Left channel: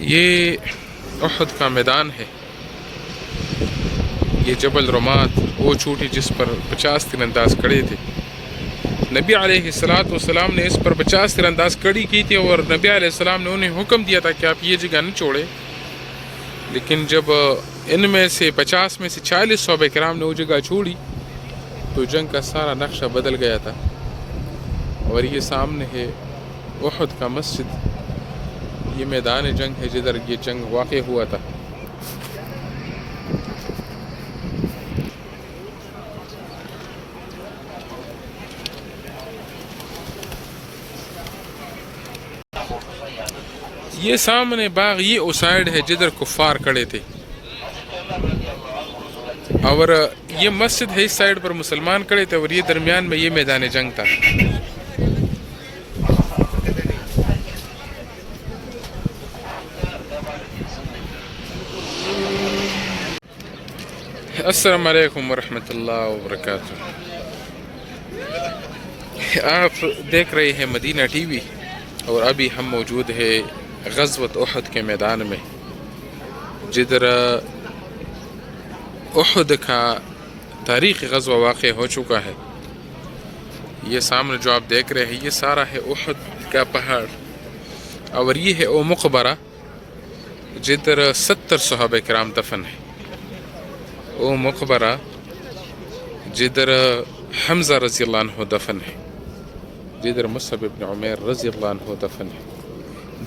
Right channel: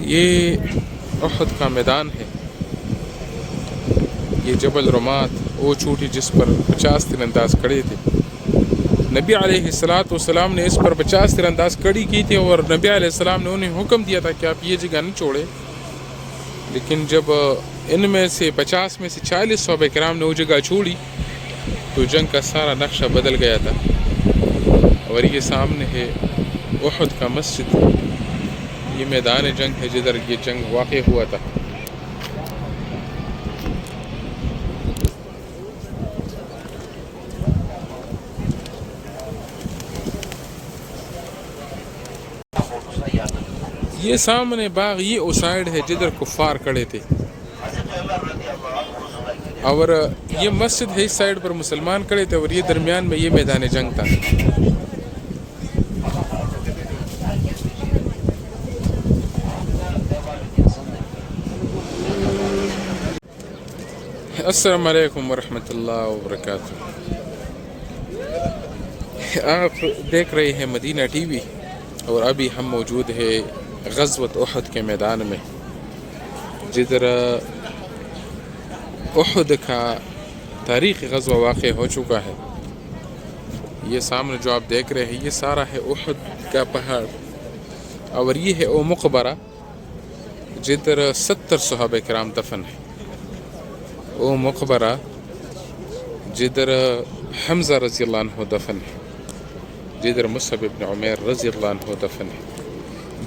یہ احد کا میدان ہے، یہ جبل رمات، وہ چوٹی جس پر 50 تیر انداز کھڑے تھے۔ نبی علیہ السلام نے اس پر 50 تیر انداز کڑی کی تھی، اور نبی علیہ السلام نے انہیں حکم دیا تھا کہ آپ یہ جگہ نہ چھوڑیں، لیکن جب ان میں سے 50 میں سے 40 صحابہ کرام نے وہ جگہ چھوڑی تو جنگ کا سارا نقشہ بدل گیا تھا۔ اور یہ سامنے ہے احد کا مسجد، یہ میدان جنگ ہے جدھر یہ جنگ واقع ہوا تھا۔ یہ سامنے باغ یہ اس سائڈ ہے جدھر کفار کھڑے تھے، اور یہ مسجد ہے اس سائڈ پر مسلمان کھڑے تھے، اور یہ درمیان میں یہ میدان جنگ تھا۔ السلام علیکم ورحمۃ اللہ وبرکاتہ۔ آپ دیکھ رہے ہیں مدینہ ٹی وی، اور ابھی ہم موجود ہے غزوۃ احد کے میدان میں، جدھر احد کا تاریخی غزوہ واقع ہو چکا ہے۔ یہ سامنے جو آپ دیکھ رہے ہیں یہ سارا ہے احد کا پہاڑ، اور یہ ہے وہ مقبرہ جدھر 70 صحابہ کرام دفن ہے، وہ مقبرہ جدھر حمزہ رضی اللہ عنہ دفن ہے، جدھر مصعب بن عمیر رضی اللہ عنہ دفن ہے،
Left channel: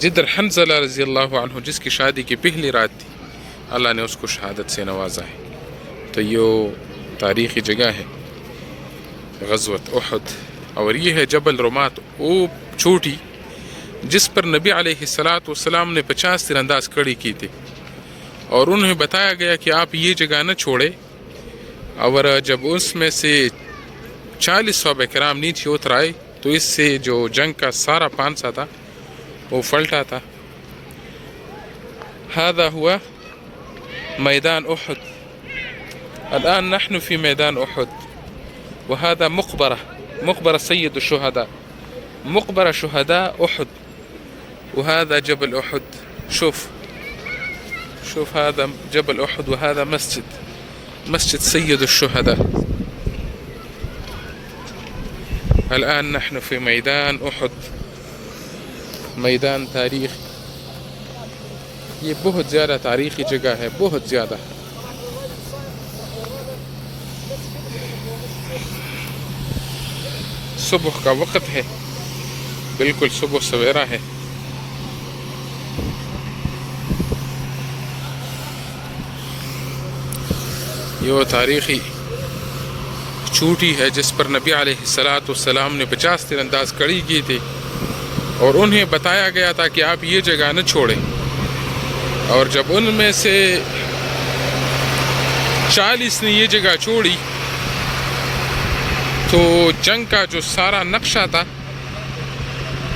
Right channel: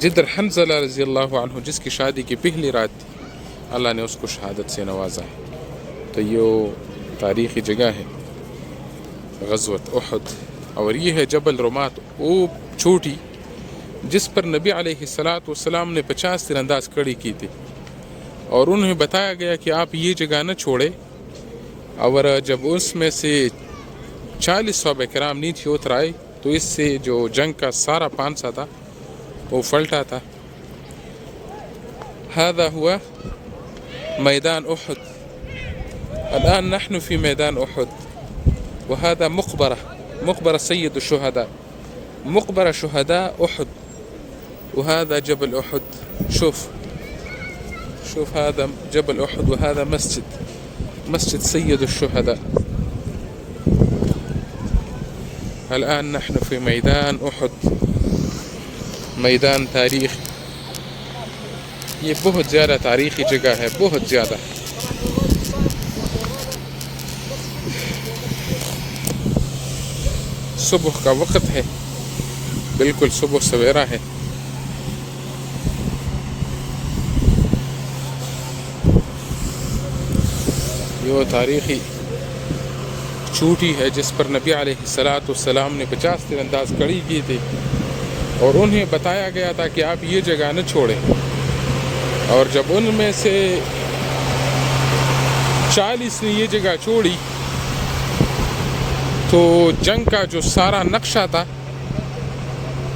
جدھر حنظلہ رضی اللہ عنہ جس کی شادی کی پہلی رات تھی اللہ نے اس کو شہادت سے نوازا ہے۔ تو یہ تاریخی جگہ ہے غزوۃ احد، اور یہ ہے جبل رمات، وہ چوٹی جس پر نبی علیہ السلام نے 50 تیر انداز کھڑی کی تھی، اور انہیں بتایا گیا کہ آپ یہ جگہ نہ چھوڑے، اور جب اس میں سے 40 صحابہ کرام نیچے اتر آئے تو اس سے جو جنگ کا سارا پانسا تھا وہ پلٹا تھا۔ هذا هو میدان احد، الآن نحن في ميدان احد، وهذا مقبرة سيد الشهداء، مقبرة شهداء احد، وهذا جبل احد. شوف هذا جبل احد، وهذا مسجد سيد الشهداء. الآن نحن في ميدان احد، میدان تاریخ، یہ بہت زیادہ تاریخی جگہ ہے، بہت زیادہ۔ صبح کا وقت ہے، بالکل صبح سویرا ہے۔ یہ وہ تاریخی چوٹی ہے جس پر نبی علیہ السلام نے 50 تیر انداز کھڑی کی تھی، اور انہیں بتایا گیا تھا کہ آپ یہ جگہ نہ چھوڑیں، اور جب ان میں سے 40 نے یہ جگہ چھوڑی تو جنگ کا جو سارا نقشہ تھا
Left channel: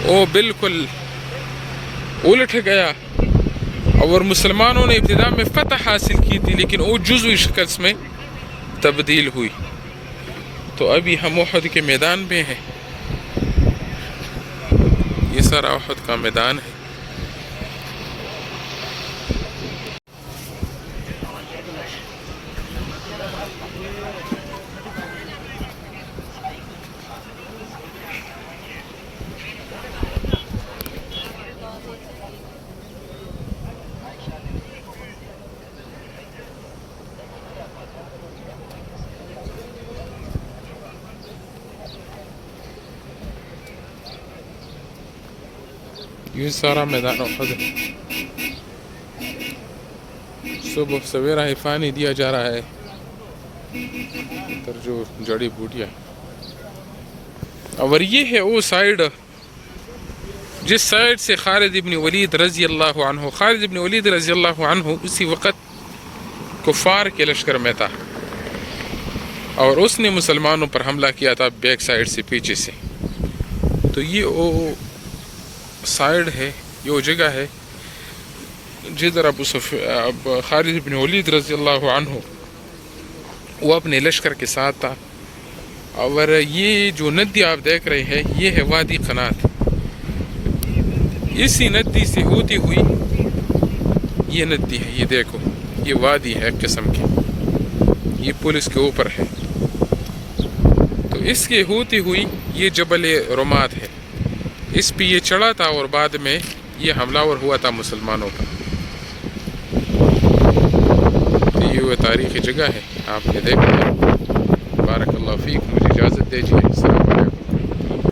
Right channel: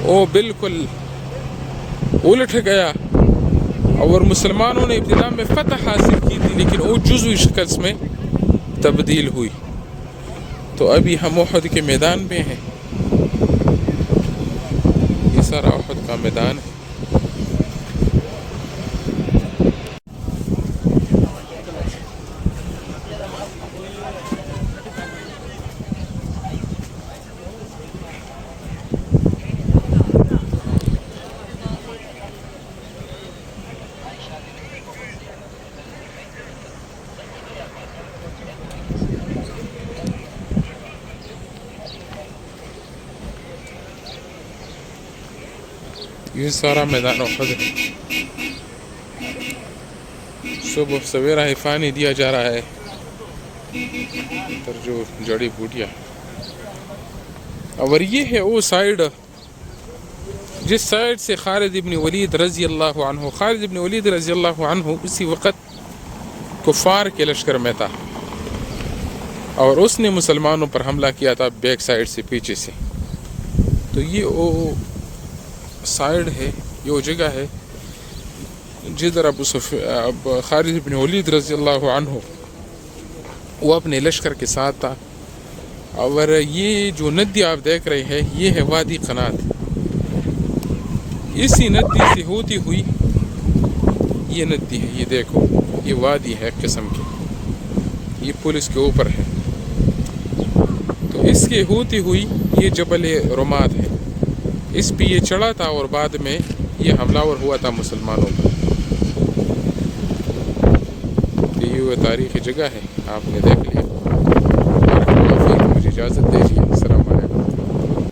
وہ بالکل الٹ گیا، اور مسلمانوں نے ابتدا میں فتح حاصل کی تھی لیکن وہ جزوی شکست میں تبدیل ہوئی۔ تو ابھی ہم احد کے میدان میں ہیں، یہ سارا احد کا میدان ہے۔ یہ سارا میدان احد ہے، صبح سویرا ہی پانی دیا جا رہا ہے، ادھر جو جڑی بوٹیاں، اور یہ ہے وہ سائیڈ جس سائیڈ سے خالد ابن ولید رضی اللہ عنہ اسی وقت کفار کے لشکر میں تھا، اور اس نے مسلمانوں پر حملہ کیا تھا بیک سائیڈ سے، پیچھے سے۔ تو یہ وہ سائیڈ ہے، یہ وہ جگہ ہے جدھر اب خالد بن ولید رضی اللہ عنہ وہ اپنے لشکر کے ساتھ تھا۔ اور یہ جو ندی آپ دیکھ رہے ہیں یہ ہے وادی قنات، اسی ندی سے ہوتی ہوئی یہ ندی ہے، یہ دیکھو یہ وادی ہے قسم کی، یہ پل اس کے اوپر ہے. تو اس کے ہوتی ہوئی یہ جبل رماد ہے، اس پہ یہ چڑھا تھا اور بعد میں یہ حملہ ور ہوا تھا مسلمانوں پر. یہ تاریخی جگہ ہے، آپ نے دیکھا ہے. بارک اللہ فیک، مجھے اجازت دیجیے. السلام علیکم.